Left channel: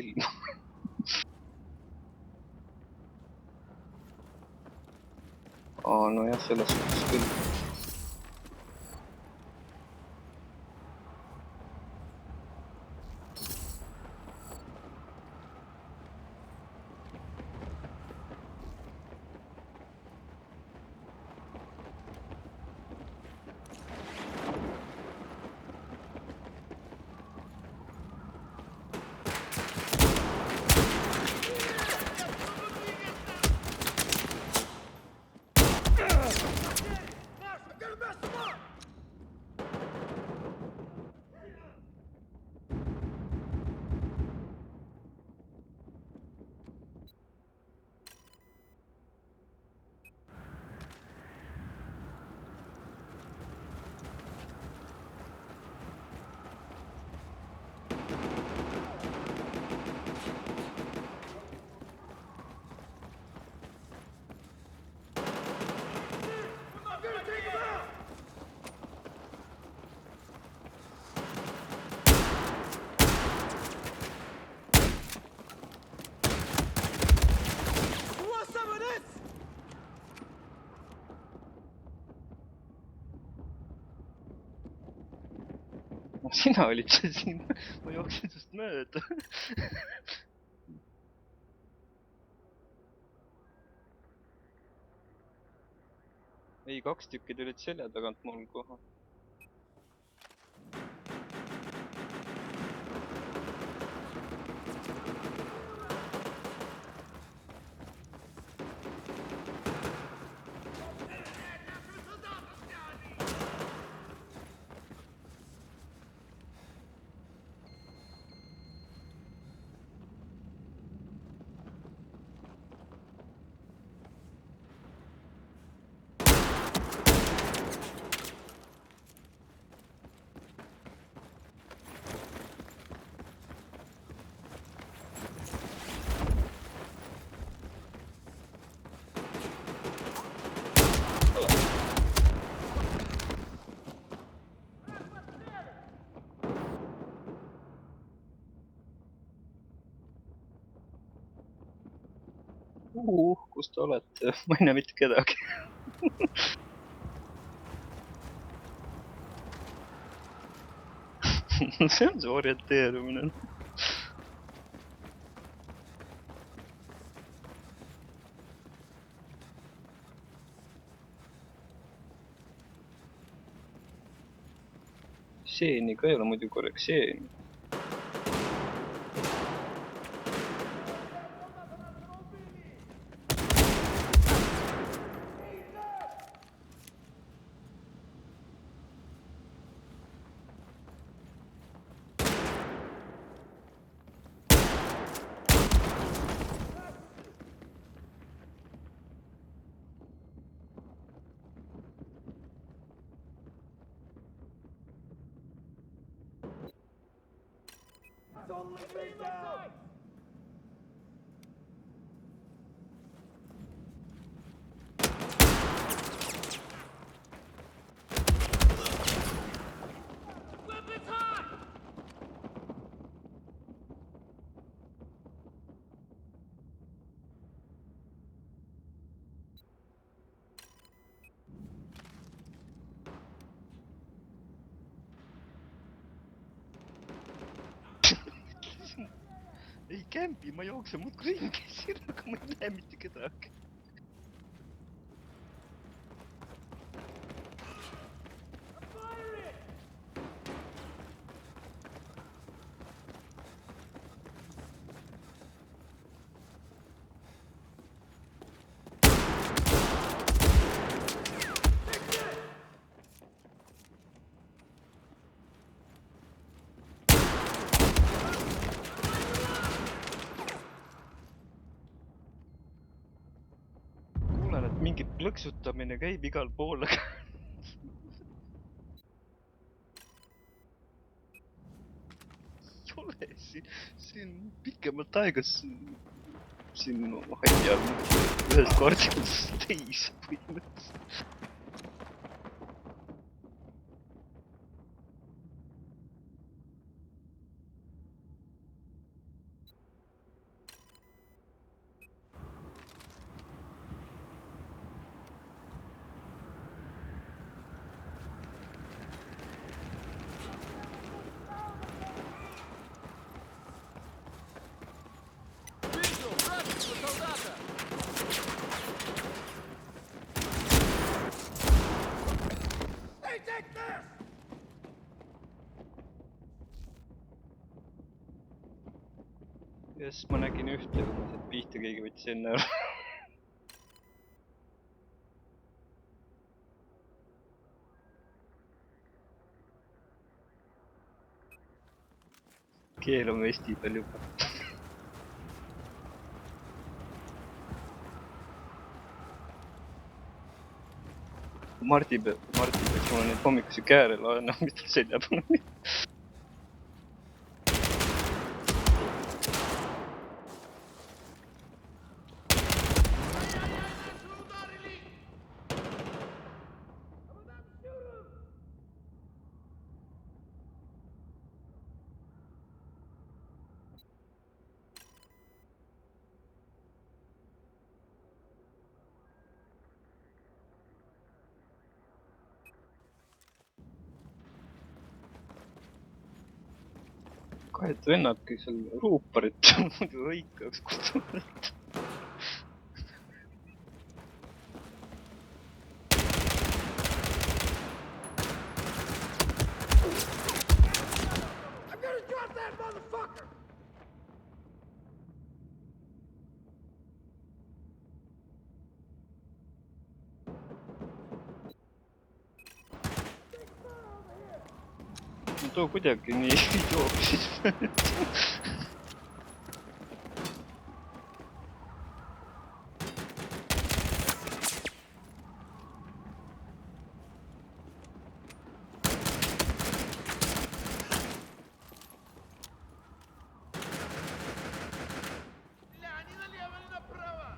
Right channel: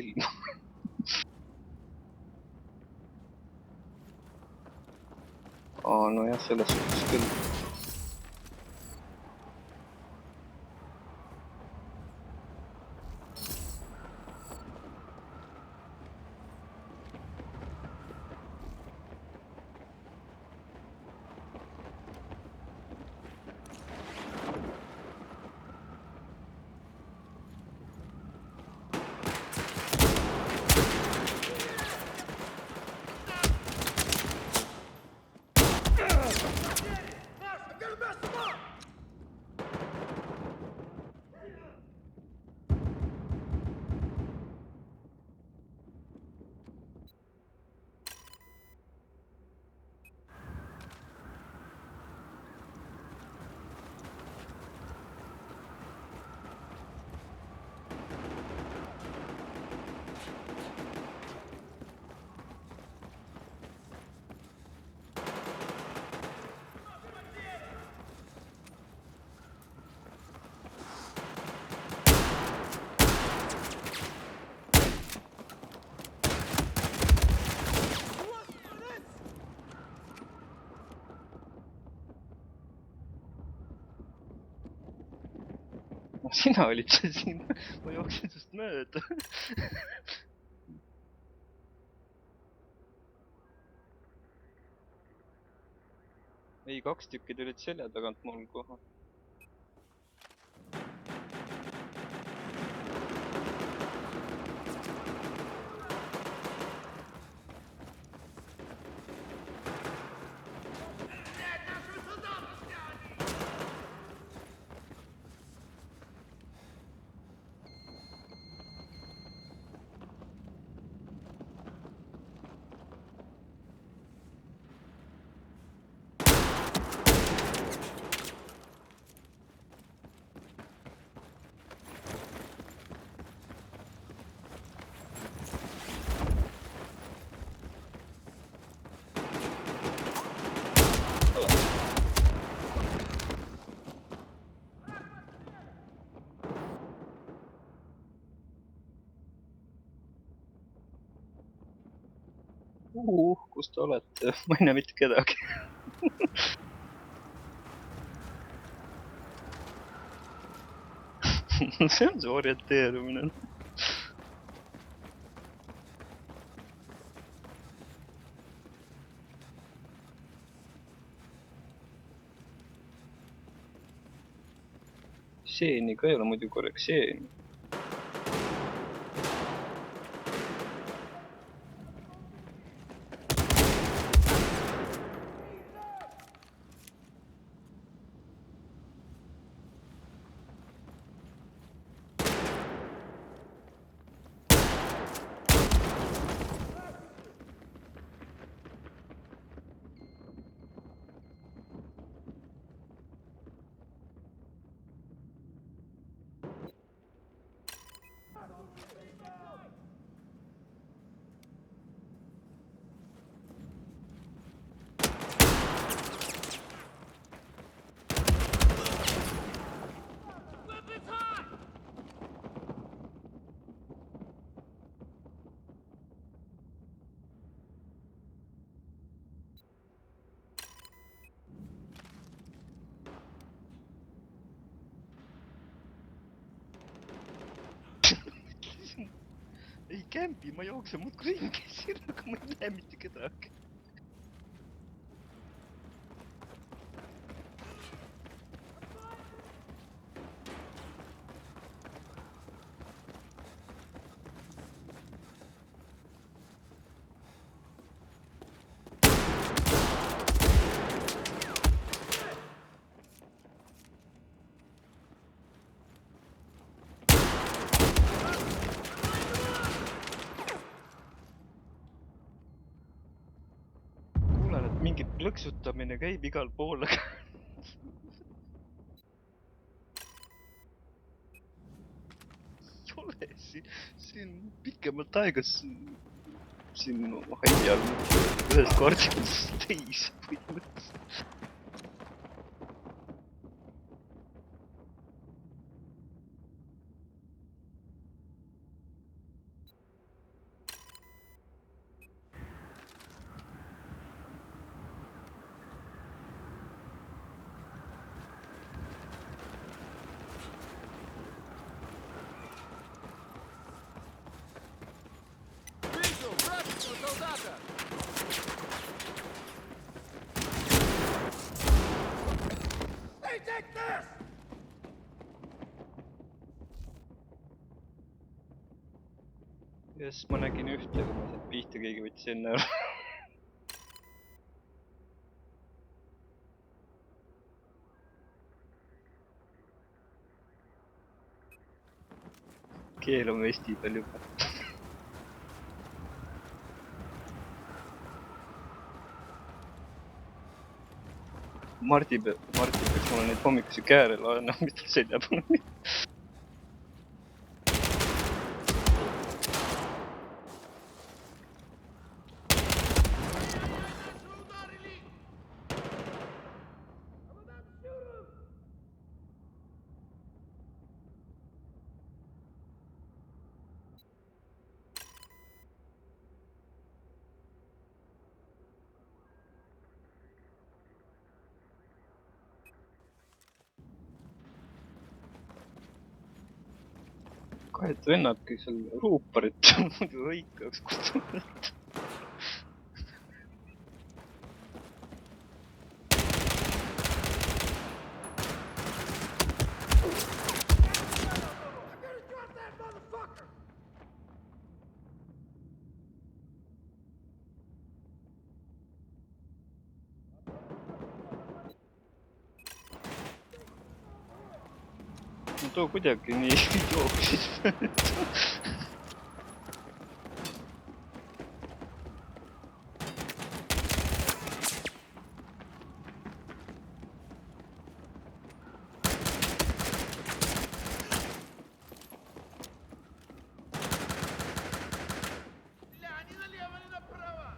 ilma. Nojah, selles suhtes küll. Sina olid see siin, ma jooksin sust mööda. Ei, 2 tükki tulid selja tagant mul kohe. Kus te olete? Ma ei näe mitte kedagi. See on see orienteerumine. Seeni ka ei ole muidu korraks seeni. Ei kämpi, ma jooksen muudkui ringi siin, aga ma ei näe mitte kedagi. Kuulen, et mingi plõksutamine käib igal pool, aga ei ole siin pikemalt aega siin halli all ühest kordadest teise põhimõtteliselt. солдата! Hey, take this! Jess, ma nägin ühte, kui ma sealt pihta keegi võttis enne ära. Keel on vesti peal juba. Martin peaks mulle neid hommikusi kääre laenama, mis tal selja peal on. I'm about to shoot him! Kahed vennad, kes seal ruuparit muidu hõikaks kutsuvad. I'm gonna drop that motherfucker! No too kuidagi nii jooksis. Бля, ни налево, ни направо!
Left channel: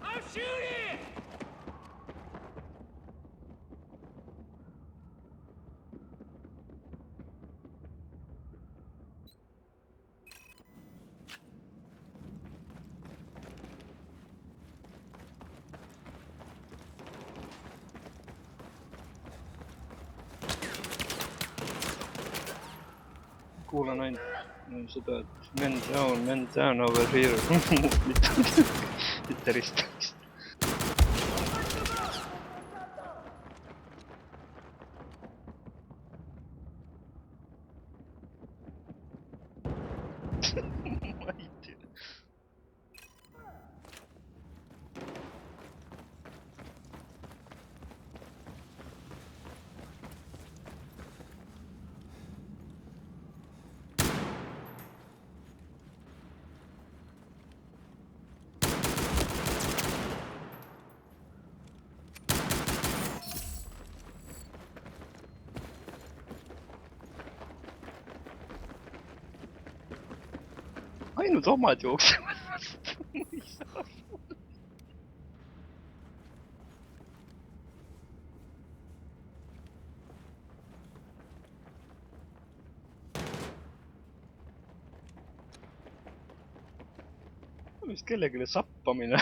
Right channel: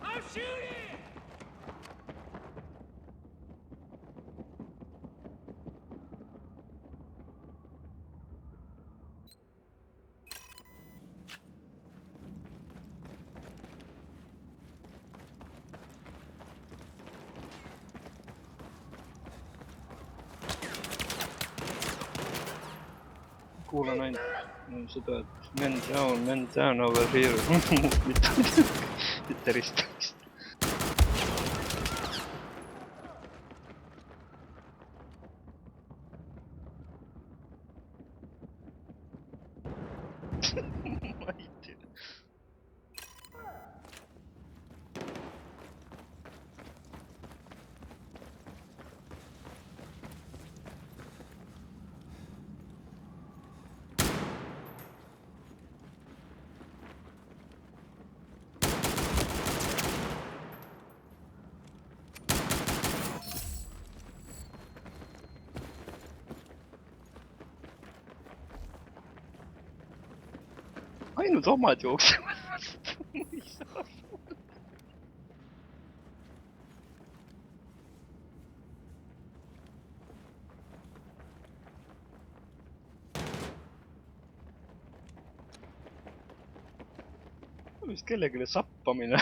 I'm shooting! Kuulan ainult seda, et men down over here. Muud mitte midagi. Mitte ristamist. Ma ei tea. Ainult omad jooksevad vastu. Ma ei saa aru. Vist kellegile sappamine.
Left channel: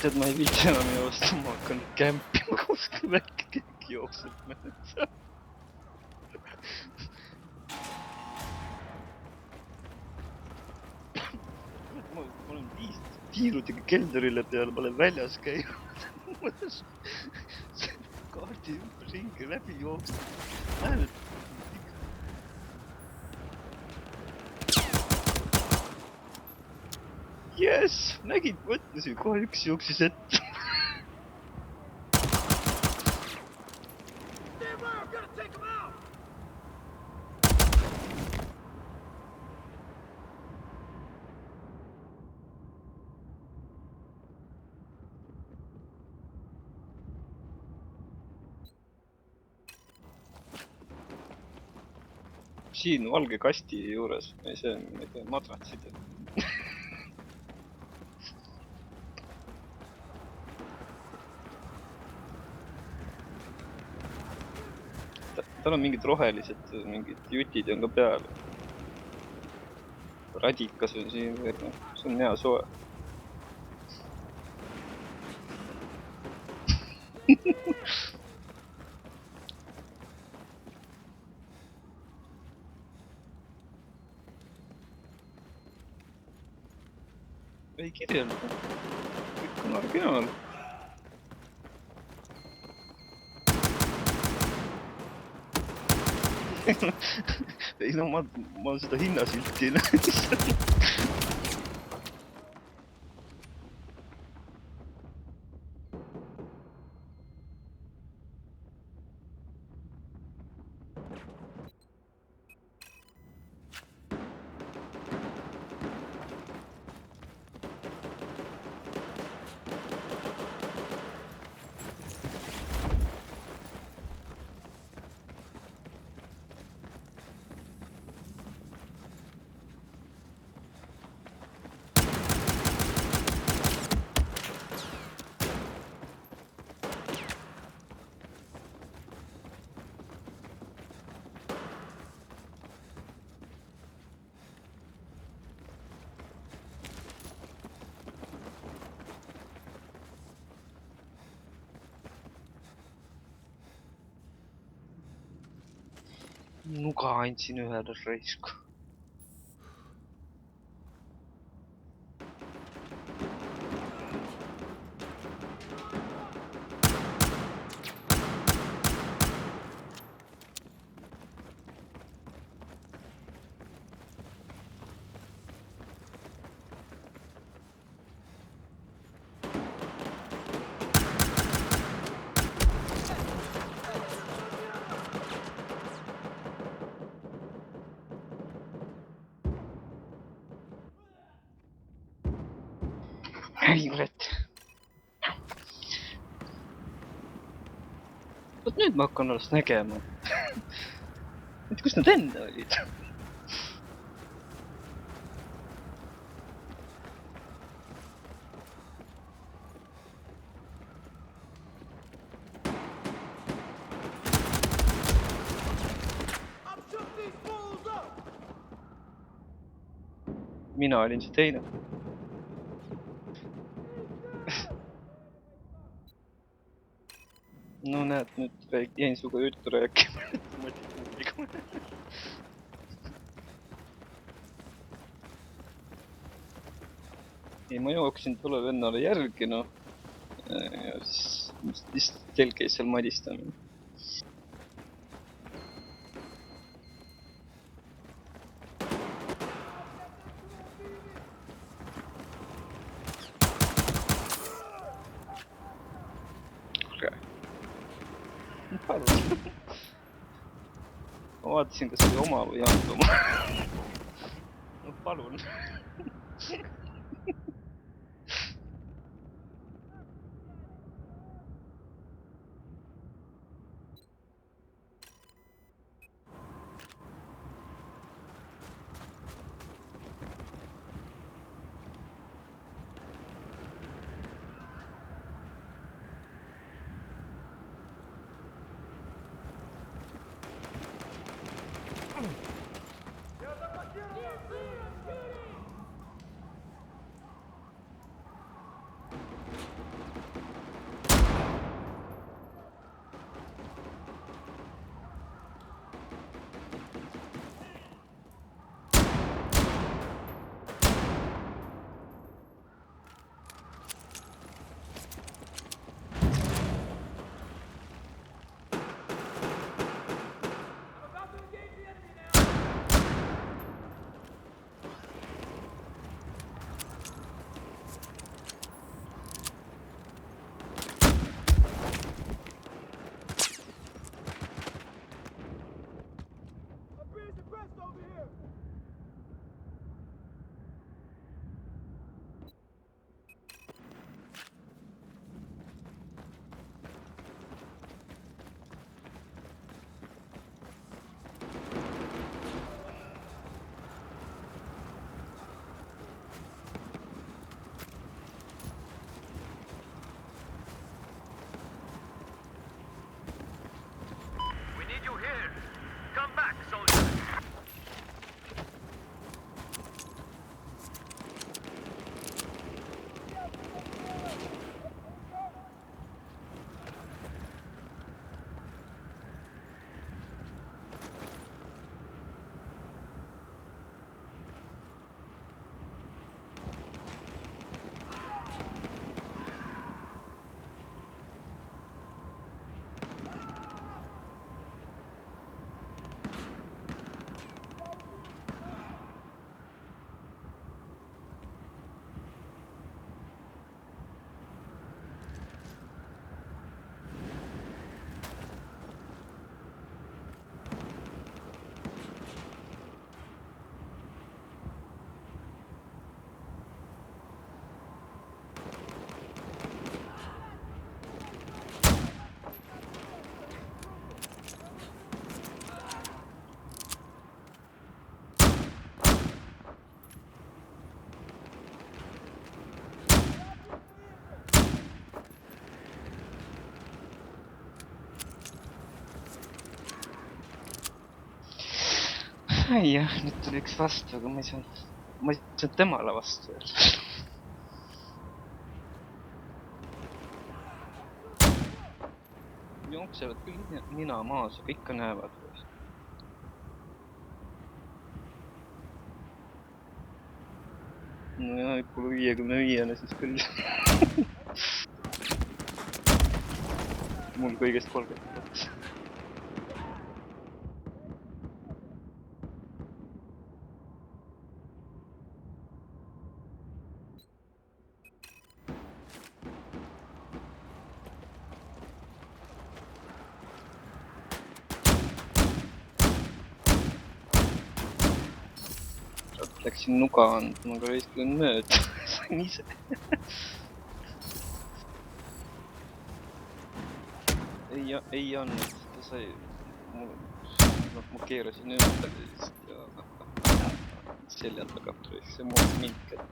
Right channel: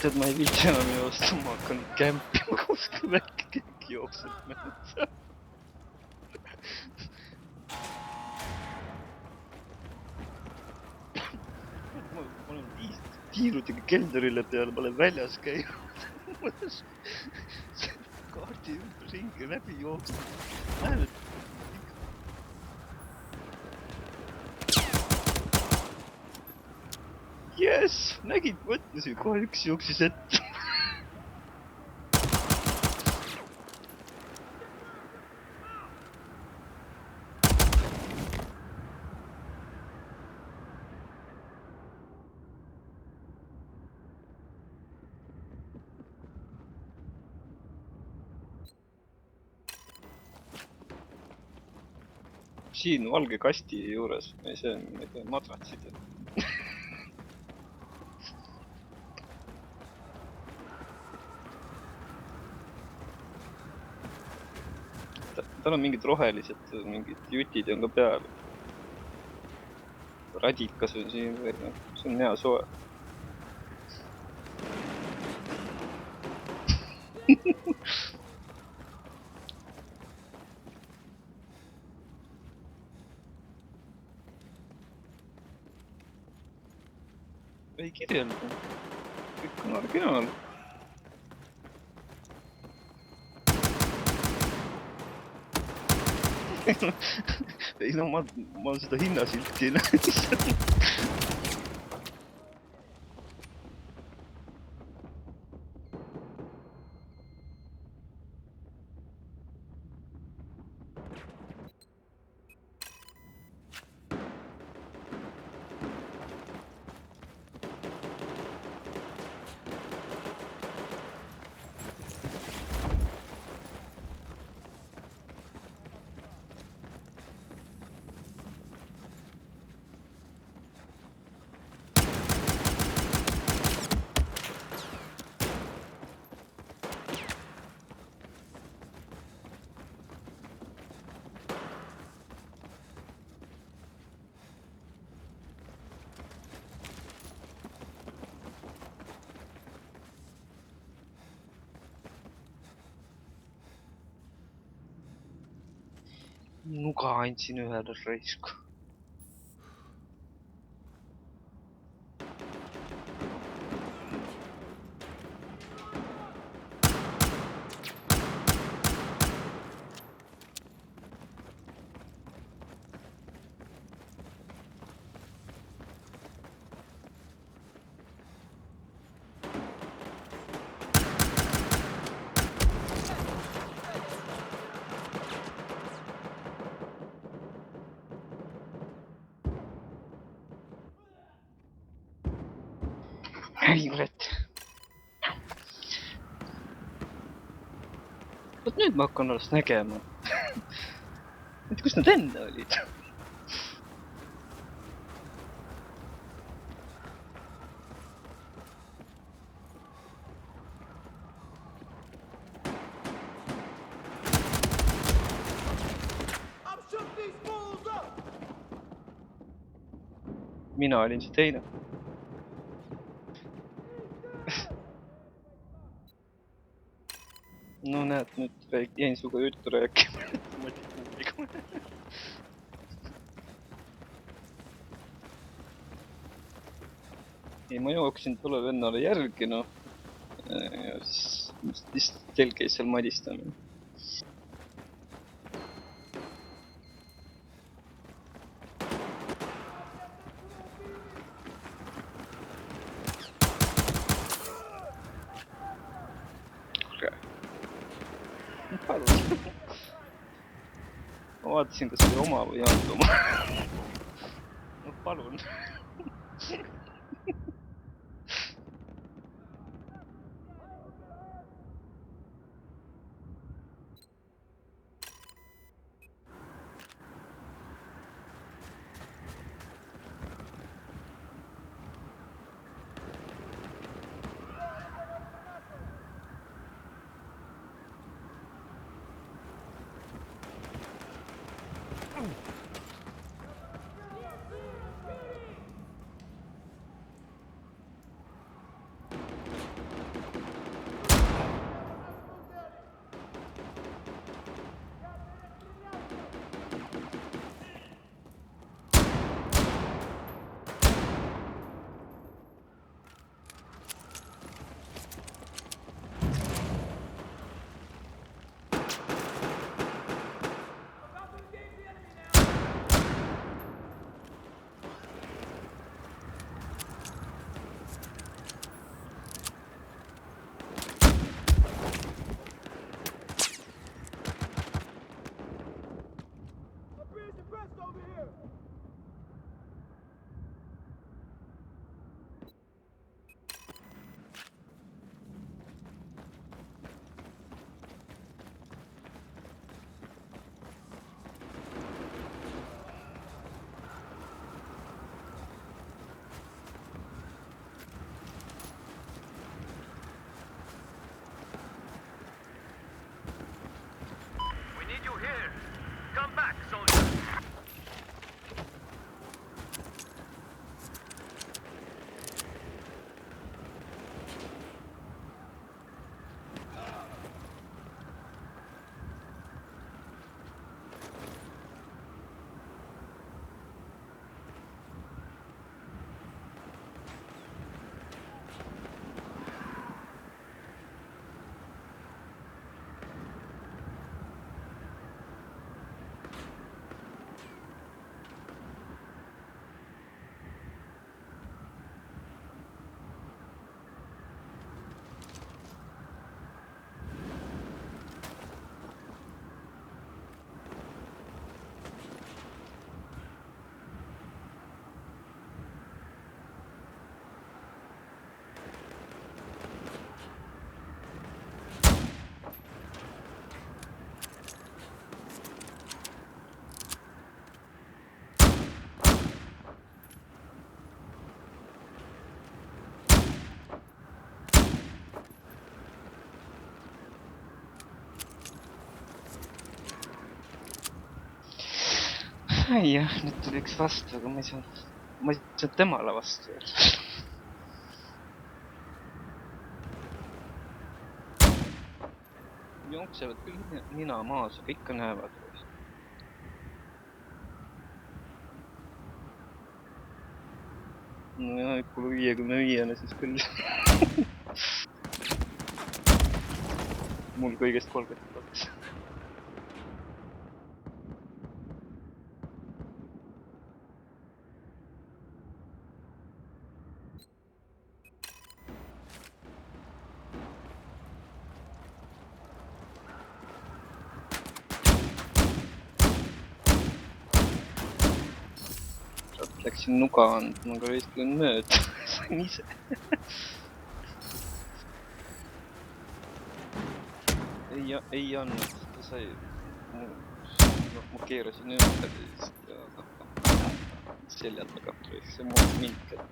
tead, ma ei viitsi enam joosta, ma hakkan nüüd kämpima kuskil äkki keegi jookseb metsa. Ma olen 5 tiirudega keldrile peale, ma olen väljas käinud. Kaardi ümberringi läbi jooksnud. Näen, et Yes! Nägid, ma ütlesin, kohe üks jooksis ette. Stand by, I'm gonna take him out! Siin valge kasti juures, see on, ma ei tea, madratsid. Tal on mingid rohelised, mingid jutid on ka peal. Radikas on siin veel, see on hea soe. Ei kirjelda. Kõik on originaal. Ei no ma seda hinnasilti ei näe. Nuga andsin ühele raisku. Ei, kurat. Vot nüüd ma hakkan alles nägema. Et kus nad enne olid? I'm shooting these fools up! Mina olin see teine. No näed, nüüd jäin suga juttu rääkima. Ei, ma jooksin tolle vennale järgi, noh. Ja siis lihtsalt tel käis seal madistamine. Kuulge. Palun. Ma vaatasin, kas oli oma või ei olnud oma. No palun. ai jah, nüüd tuli üks vastu, aga ma ei saanud temale vastu öelda. Jooksevad küll nina maas, aga ikka näevad. No jah, kui 55-ne siis küll. Mul kõigest 32. Läksin nuga andma, aga võistlen mööda. Sain ise. Ei andnud, ta sai... Ma keerasin ümber ja selja tagant võiks see muud mind kätte.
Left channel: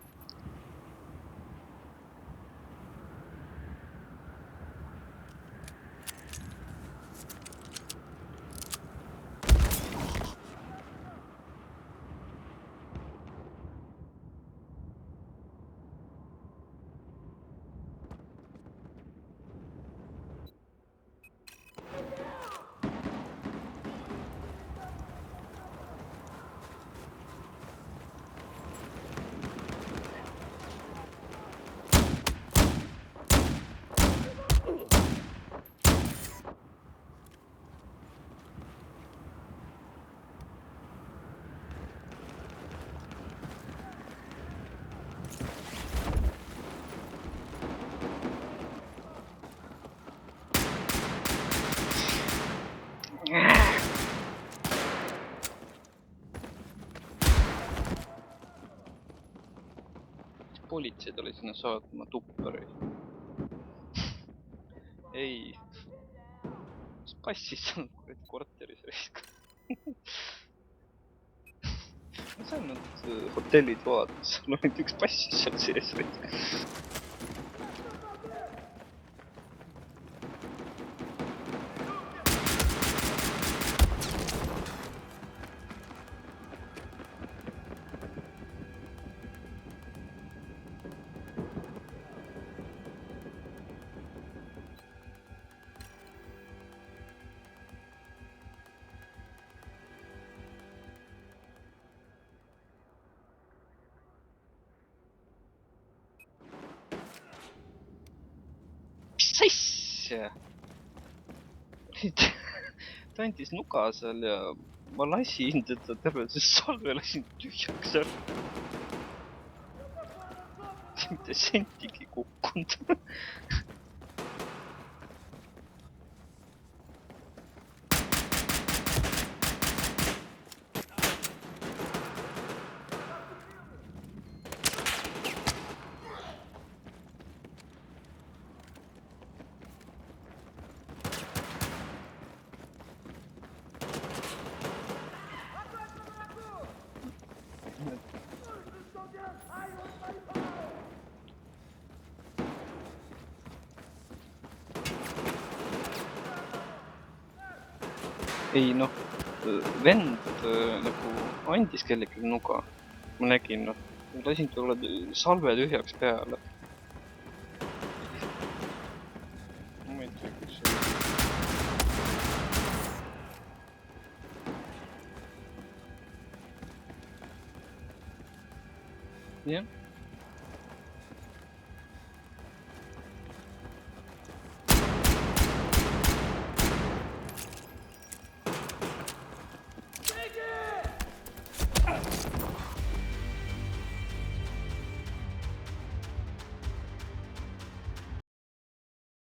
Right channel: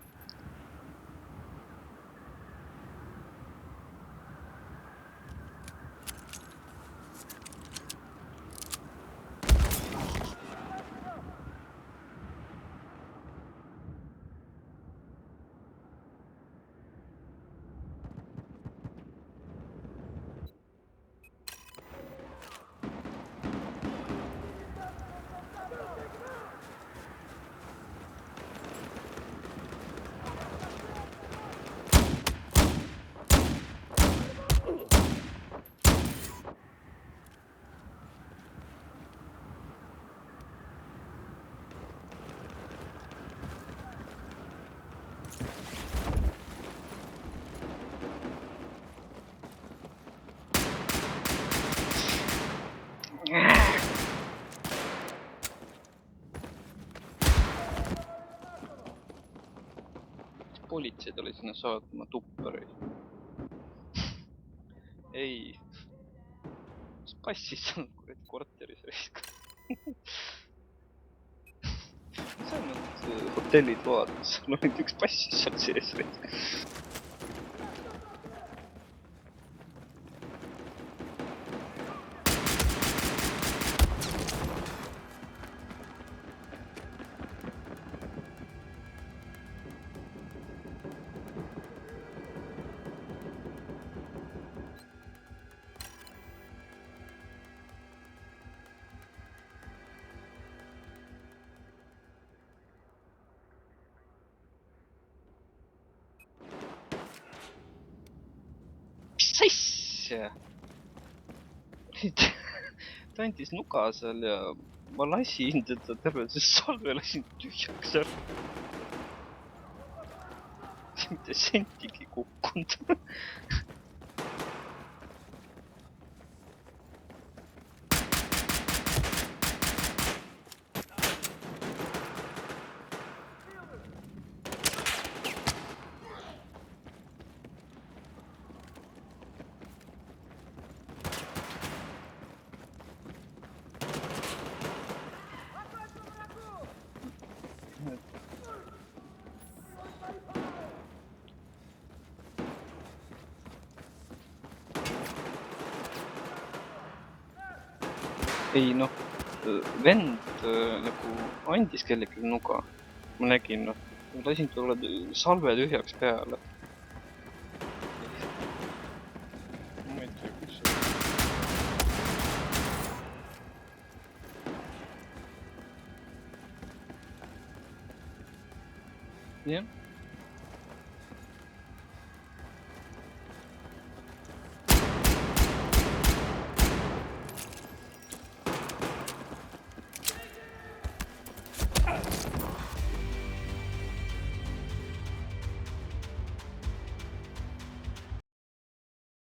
Politsei tuli sinna saatma tuppari. Ei. Mis passis seal korteris raisk? Ma sain nad hotellitoad, seal oli üks passis seal sees raisk. Mis asja? Ta andis nuga seal ja ma lasin teda terve see salve lasin tühjaks ära. Mitte sentigi kukkunud. Ei noh, vend nagu andis kellelegi nuga. Ma nägin noh, lasin talle salve tühjaks peale. Ja siis... Ma ei tea, kus see oli. Jah.